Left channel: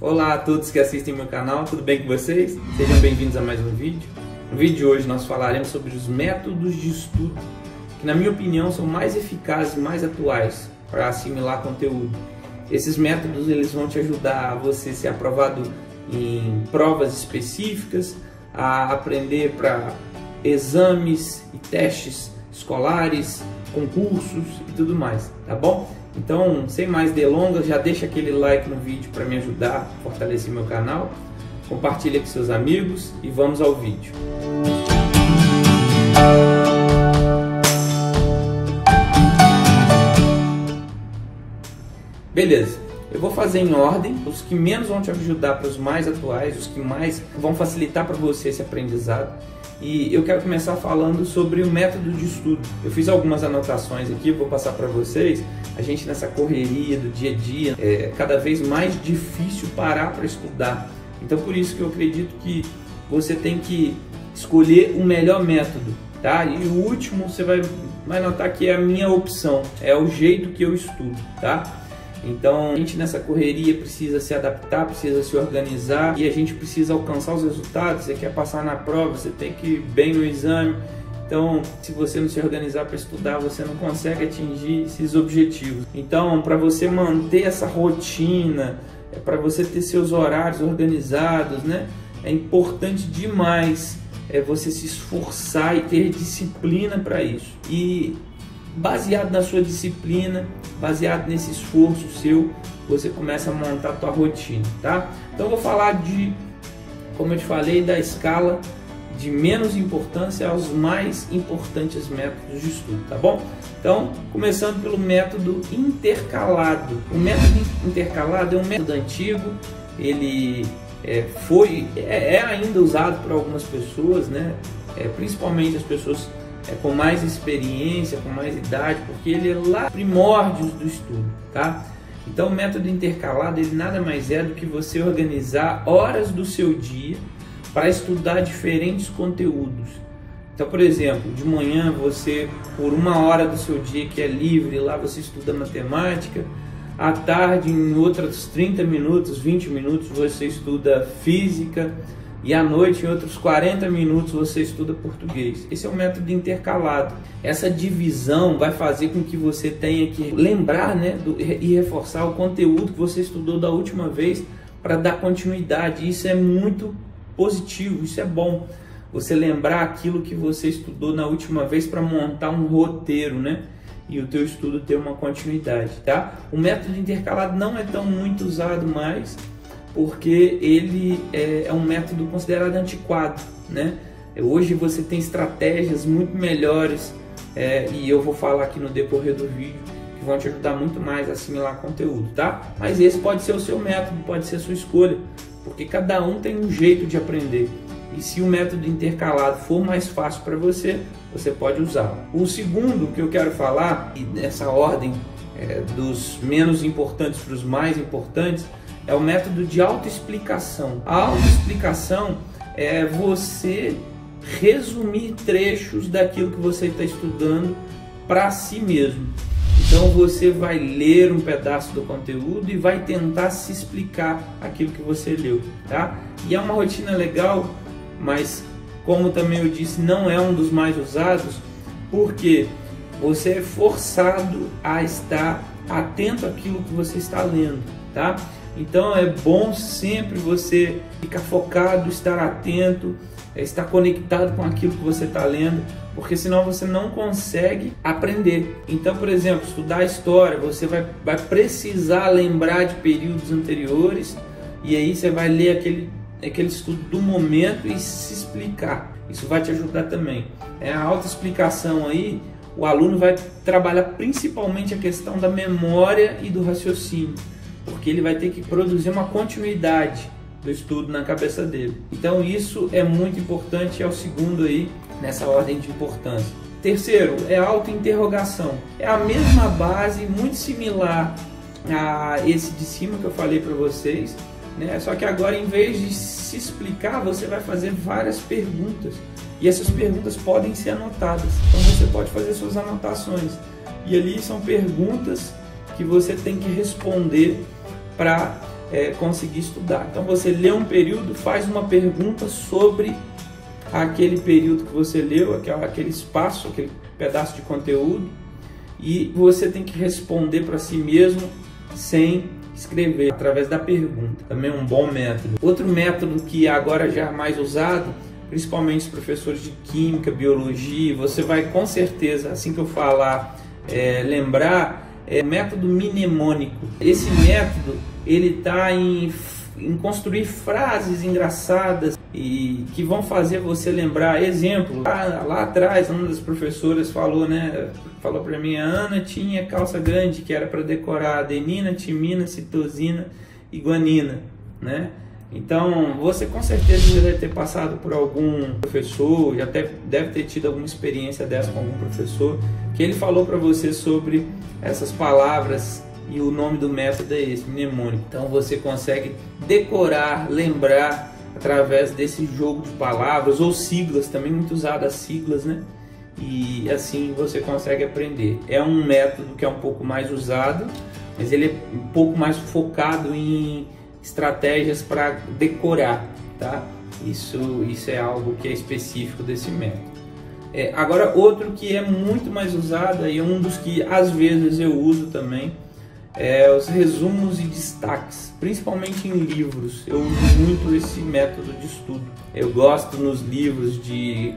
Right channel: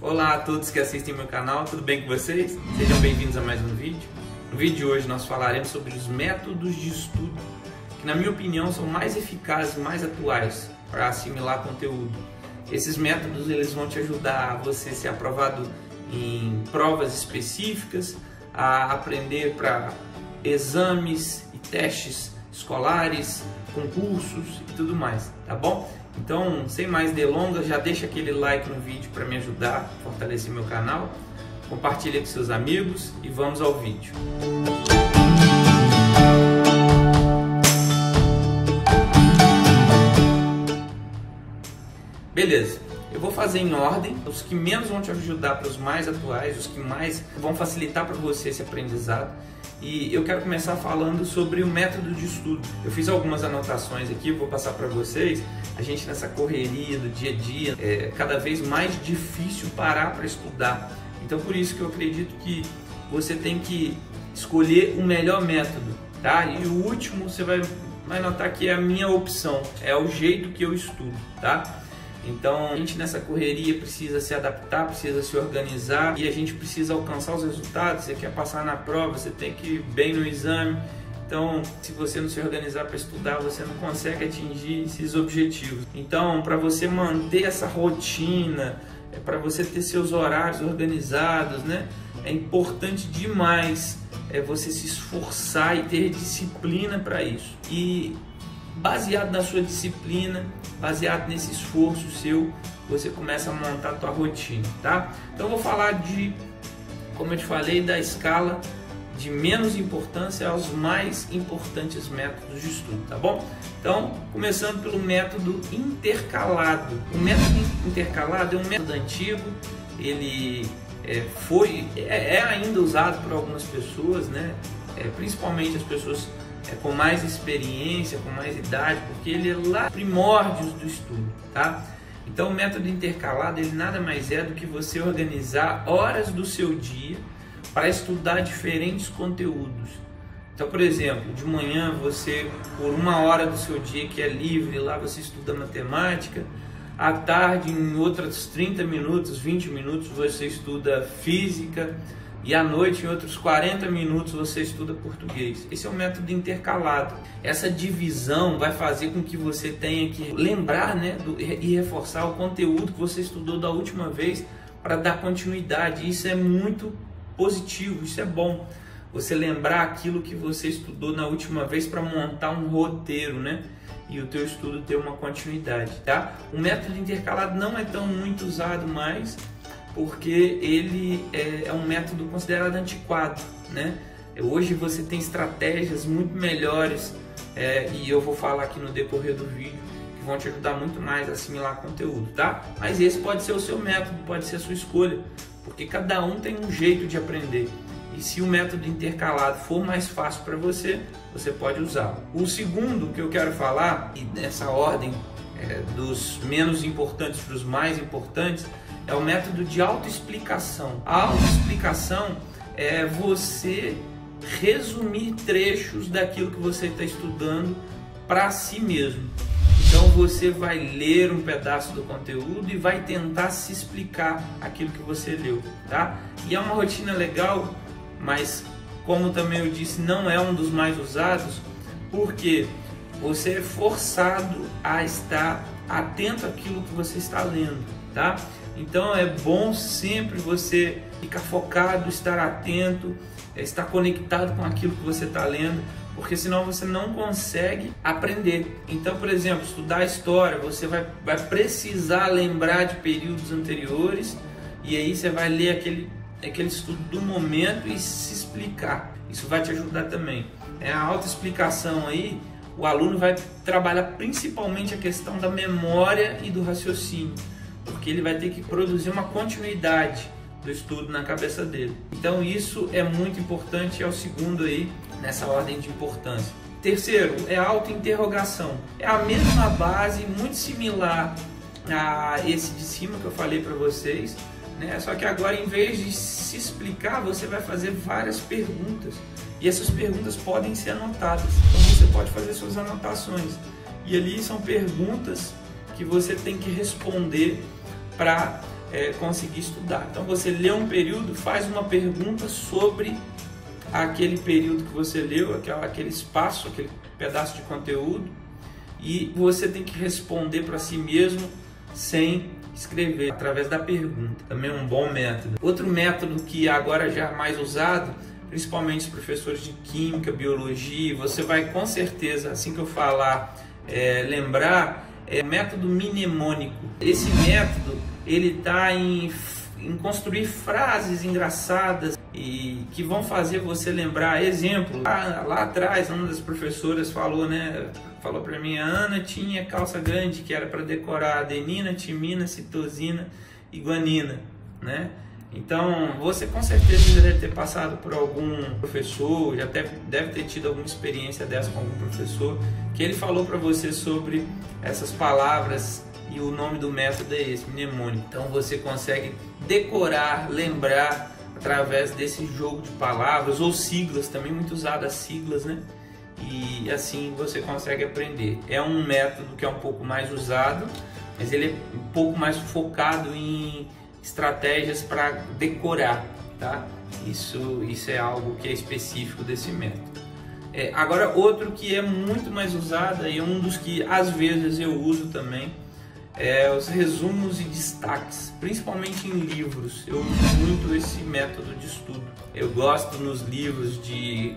Olá a todos que assistem meu canal, tudo bem com vocês? Sejam bem-vindos a mais um vídeo. No vídeo de hoje nós falaremos sobre os métodos de estudo que, na minha opinião, são mais eficazes e mais atuais para assimilar conteúdo. Esses métodos eles vão te ajudar a você ser aprovado em provas específicas, a aprender para exames e testes escolares, concursos e tudo mais, tá bom? Então, sem mais delongas, já deixa aquele like no vídeo para me ajudar a fortalecer meu canal, compartilha com seus amigos e vamos ao vídeo. Beleza, eu vou fazer em ordem, os que menos vão te ajudar para os mais atuais, os que mais vão facilitar para você esse aprendizado. E eu quero começar falando sobre o método de estudo. Eu fiz algumas anotações aqui, vou passar para vocês. A gente nessa correria do dia a dia, é cada vez mais difícil parar para estudar. Então por isso que eu acredito que você tem que escolher o melhor método, tá? E o último você vai notar que é a minha opção, é o jeito que eu estudo, tá? Então a gente nessa correria precisa se adaptar, precisa se organizar e a gente precisa alcançar os resultados. Você quer passar na prova, você tem que ir bem no exame. Então, se você não se organizar para estudar, você não consegue atingir esses objetivos. Então, para você manter essa rotina, para você ter seus horários organizados, né? É importante demais você se esforçar e ter disciplina para isso. E baseado na sua disciplina, baseado nesse esforço seu, você começa a montar a tua rotina, tá? Então eu vou falar de, como eu te falei, da escala de menos importância aos mais importantes métodos de estudo, tá bom? Então, começando pelo método intercalado. O método intercalado é um método antigo, ele é ainda usado por algumas pessoas, né? Principalmente as pessoas com mais experiência, com mais idade, porque ele é lá primórdios do estudo, tá? Então o método intercalado ele nada mais é do que você organizar horas do seu dia para estudar diferentes conteúdos. Então, por exemplo, de manhã você, por uma hora do seu dia que é livre, lá você estuda matemática, à tarde em outros 30 minutos, 20 minutos você estuda física, e à noite, em outros 40 minutos, você estuda português. Esse é o método intercalado. Essa divisão vai fazer com que você tenha que lembrar, né, e reforçar o conteúdo que você estudou da última vez para dar continuidade. Isso é muito positivo, isso é bom. Você lembrar aquilo que você estudou na última vez para montar um roteiro, né? E o teu estudo ter uma continuidade, tá? O método intercalado não é tão muito usado mais, porque ele é um método considerado antiquado, né? Hoje você tem estratégias muito melhores e eu vou falar aqui no decorrer do vídeo que vão te ajudar muito mais a assimilar conteúdo, tá? Mas esse pode ser o seu método, pode ser a sua escolha, porque cada um tem um jeito de aprender. E se o método intercalado for mais fácil para você, você pode usar. O segundo que eu quero falar, e nessa ordem dos menos importantes para os mais importantes, é o método de autoexplicação. A autoexplicação é você resumir trechos daquilo que você está estudando para si mesmo. Então você vai ler um pedaço do conteúdo e vai tentar se explicar aquilo que você leu, tá? E é uma rotina legal, mas como também eu disse, não é um dos mais usados, porque você é forçado a estar atento àquilo que você está lendo, tá? Então é bom sempre você ficar focado, estar atento, estar conectado com aquilo que você está lendo, porque senão você não consegue aprender. Então, por exemplo, estudar história, você vai precisar lembrar de períodos anteriores e aí você vai ler aquele estudo do momento e se explicar. Isso vai te ajudar também. A autoexplicação aí, o aluno vai trabalhar principalmente a questão da memória e do raciocínio, porque ele vai ter que produzir uma continuidade do estudo na cabeça dele. Então isso é muito importante, é o segundo aí nessa ordem de importância. Terceiro, é a autointerrogação. É a mesma base, muito similar a esse de cima que eu falei para vocês, né? Só que agora, em vez de se explicar, você vai fazer várias perguntas. E essas perguntas podem ser anotadas. Então você pode fazer suas anotações. E ali são perguntas que você tem que responder para conseguir estudar. Então você lê um período, faz uma pergunta sobre aquele período que você leu, aquele espaço, aquele pedaço de conteúdo, e você tem que responder para si mesmo sem escrever, através da pergunta. Também é um bom método. Outro método que agora já é mais usado, principalmente os professores de química, biologia, você vai com certeza, assim que eu falar, lembrar, é o método mnemônico. Esse método, ele está em construir frases engraçadas e que vão fazer você lembrar. Exemplo, lá atrás, uma das professoras falou para mim, a Ana tinha calça grande, que era para decorar adenina, timina, citosina e guanina, né? Então, você com certeza já deve ter passado por algum professor, já deve ter tido alguma experiência dessa com algum professor, que ele falou para você sobre essas palavras, e o nome do método é esse, mnemônico. Então, você consegue decorar, lembrar, através desse jogo de palavras, ou siglas, também muito usado as siglas, né? E assim você consegue aprender. É um método que é um pouco mais usado, mas ele é um pouco mais focado em estratégias para decorar, tá? Isso é algo que é específico desse método. Agora, outro que é muito mais usado e um dos que às vezes eu uso também é os resumos e destaques, principalmente em livros. Eu uso muito esse método de estudo. Eu gosto nos livros de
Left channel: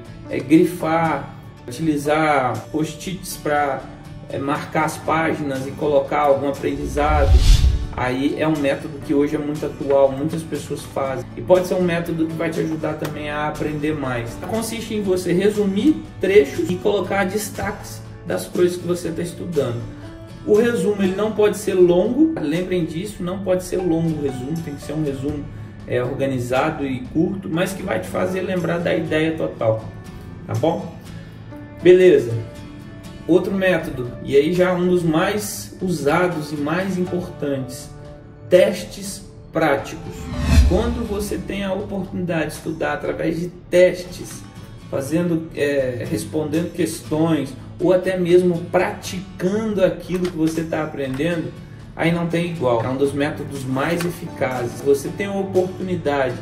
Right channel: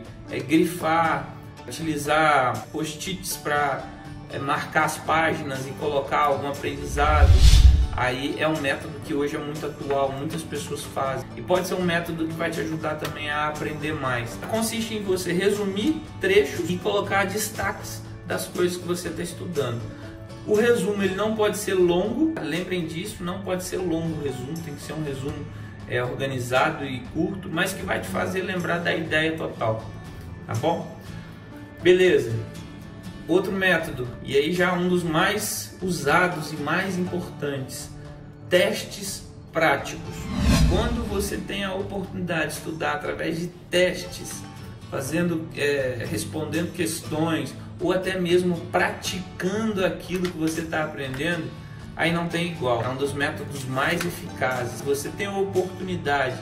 grifar, utilizar post-its para marcar as páginas e colocar algum aprendizado. Aí é um método que hoje é muito atual, muitas pessoas fazem. E pode ser um método que vai te ajudar também a aprender mais. Consiste em você resumir trechos e colocar destaques das coisas que você está estudando. O resumo ele não pode ser longo, lembrem disso, não pode ser longo o resumo, tem que ser um resumo organizado e curto, mas que vai te fazer lembrar da ideia total, tá bom? Beleza. Outro método, e aí já um dos mais usados e mais importantes, testes práticos. Quando você tem a oportunidade de estudar através de testes, respondendo questões, ou até mesmo praticando aquilo que você está aprendendo, aí não tem igual. É um dos métodos mais eficazes. Você tem a oportunidade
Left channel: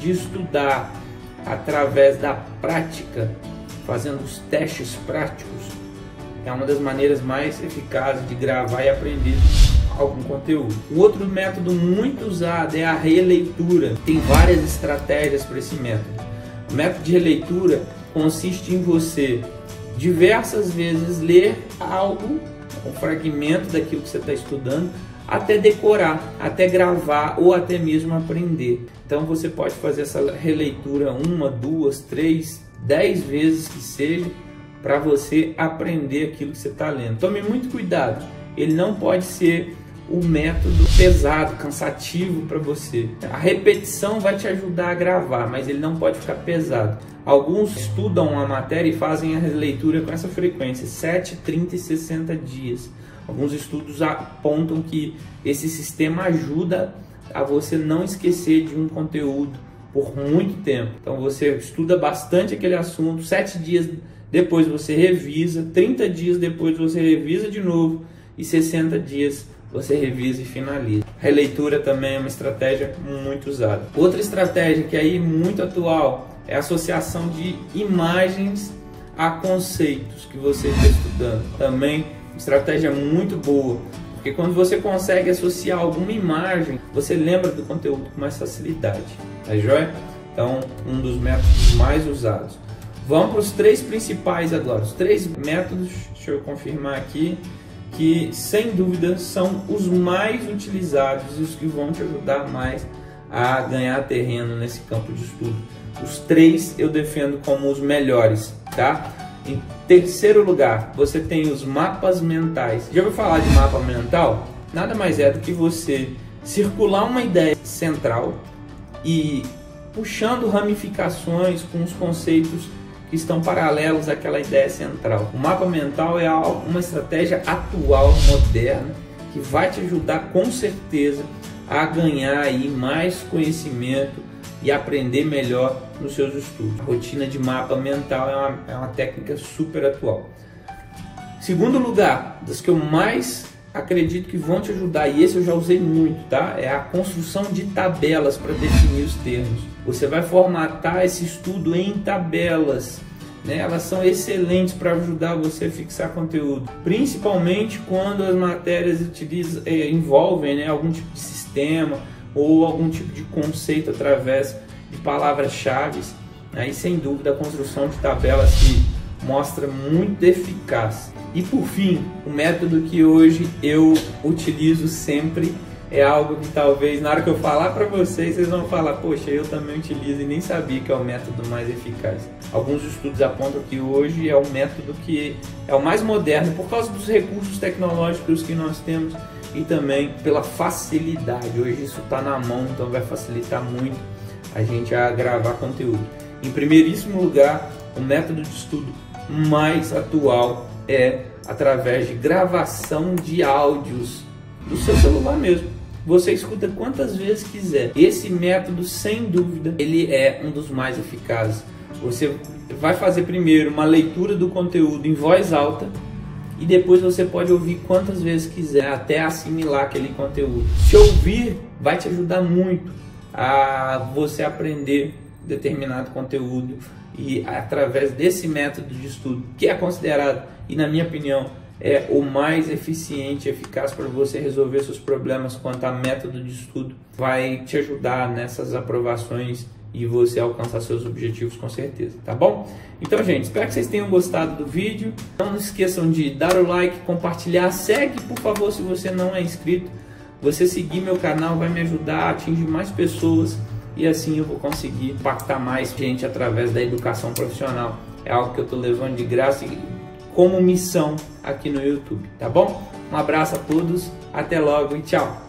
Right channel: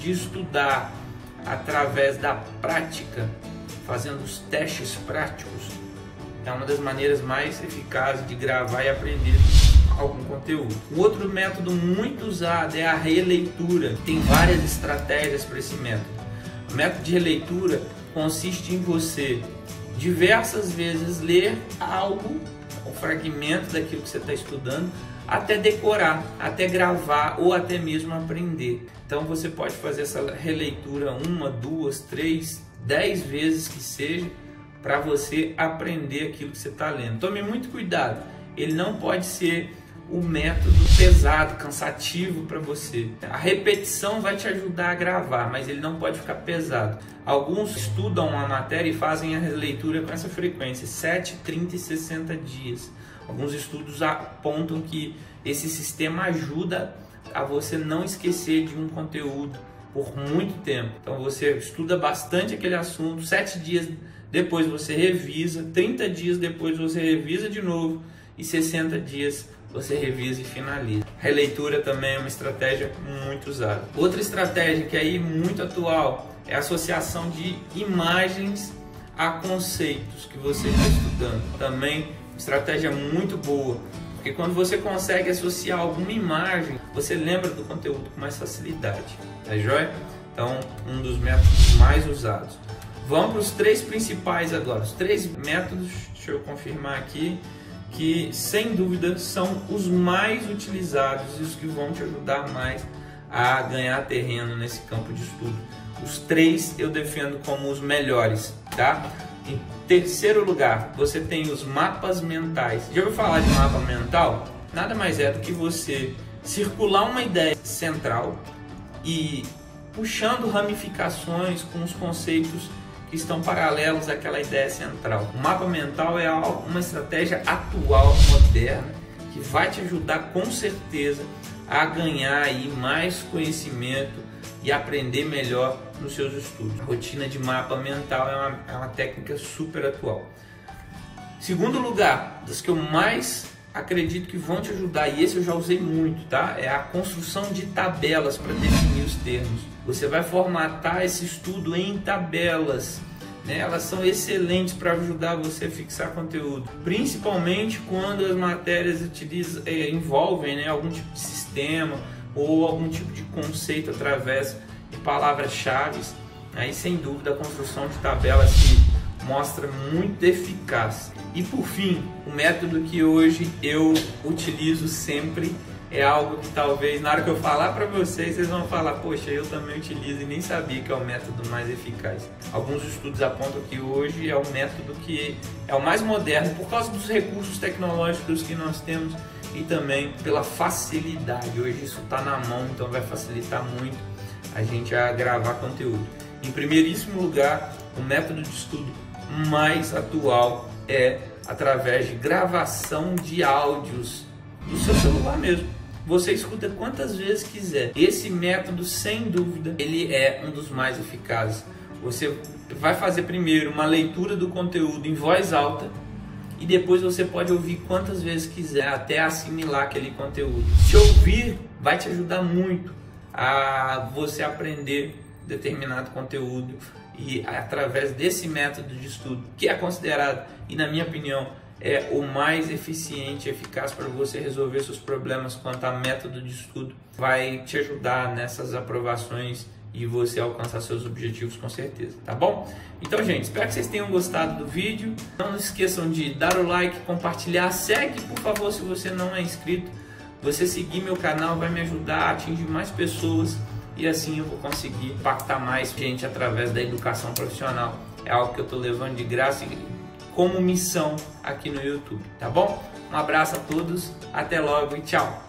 de estudar através da prática, fazendo os testes práticos. É uma das maneiras mais eficazes de gravar e aprender algum conteúdo. Um outro método muito usado é a releitura. Tem várias estratégias para esse método. O método de releitura consiste em você diversas vezes ler algo, um fragmento daquilo que você está estudando, até decorar, até gravar ou até mesmo aprender. Então você pode fazer essa releitura 1, 2, 3, 10 vezes que seja, para você aprender aquilo que você está lendo. Tome muito cuidado, ele não pode ser um método pesado, cansativo para você. A repetição vai te ajudar a gravar, mas ele não pode ficar pesado. Alguns estudam a matéria e fazem a releitura com essa frequência, 7, 30 e 60 dias. Alguns estudos apontam que esse sistema ajuda a você não esquecer de um conteúdo por muito tempo. Então você estuda bastante aquele assunto, 7 dias depois você revisa, 30 dias depois você revisa de novo e 60 dias você revisa e finaliza. Releitura também é uma estratégia muito usada. Outra estratégia que aí muito atual é a associação de imagens a conceitos que você está estudando. Também uma estratégia muito boa, porque quando você consegue associar alguma imagem, você lembra do conteúdo com mais facilidade, tá joia? Então, um dos métodos mais usados. Vamos para os 3 principais agora. Os 3 métodos, deixa eu confirmar aqui, que sem dúvida são os mais utilizados e os que vão te ajudar mais a ganhar terreno nesse campo de estudo. Os 3 eu defendo como os melhores, tá? Em terceiro lugar, você tem os mapas mentais. Já ouviu falar de mapa mental? Nada mais é do que você circular uma ideia central e puxando ramificações com os conceitos que estão paralelos àquela ideia central. O mapa mental é uma estratégia atual, moderna, que vai te ajudar com certeza a ganhar aí mais conhecimento e aprender melhor nos seus estudos. A rotina de mapa mental é uma técnica super atual. Segundo lugar, das que eu mais acredito que vão te ajudar, e esse eu já usei muito, tá? É a construção de tabelas para definir os termos. Você vai formatar esse estudo em tabelas, né? Elas são excelentes para ajudar você a fixar conteúdo, principalmente quando as matérias envolvem, né, algum tipo de sistema ou algum tipo de conceito através de palavras-chave. Aí, sem dúvida, a construção de tabelas se mostra muito eficaz. E por fim, o método que hoje eu utilizo sempre é algo que talvez na hora que eu falar para vocês, vocês vão falar, poxa, eu também utilizo e nem sabia que é o método mais eficaz. Alguns estudos apontam que hoje é o método que é o mais moderno por causa dos recursos tecnológicos que nós temos e também pela facilidade. Hoje isso está na mão, então vai facilitar muito a gente a gravar conteúdo. Em primeiríssimo lugar, o método de estudo mais atual é através de gravação de áudios do seu celular mesmo. Você escuta quantas vezes quiser. Esse método, sem dúvida, ele é um dos mais eficazes. Você vai fazer primeiro uma leitura do conteúdo em voz alta e depois você pode ouvir quantas vezes quiser até assimilar aquele conteúdo. Se ouvir, vai te ajudar muito a você aprender determinado conteúdo, e através desse método de estudo, que é considerado, e na minha opinião, é o mais eficiente e eficaz para você resolver seus problemas quanto a método de estudo, vai te ajudar nessas aprovações e você alcançar seus objetivos com certeza, tá bom? Então, gente, espero que vocês tenham gostado do vídeo. Não esqueçam de dar o like, compartilhar, segue, por favor, se você não é inscrito. Você seguir meu canal vai me ajudar a atingir mais pessoas e assim eu vou conseguir impactar mais gente através da educação profissional. É algo que eu estou levando de graça e como missão aqui no YouTube, tá bom? Um abraço a todos, até logo e tchau!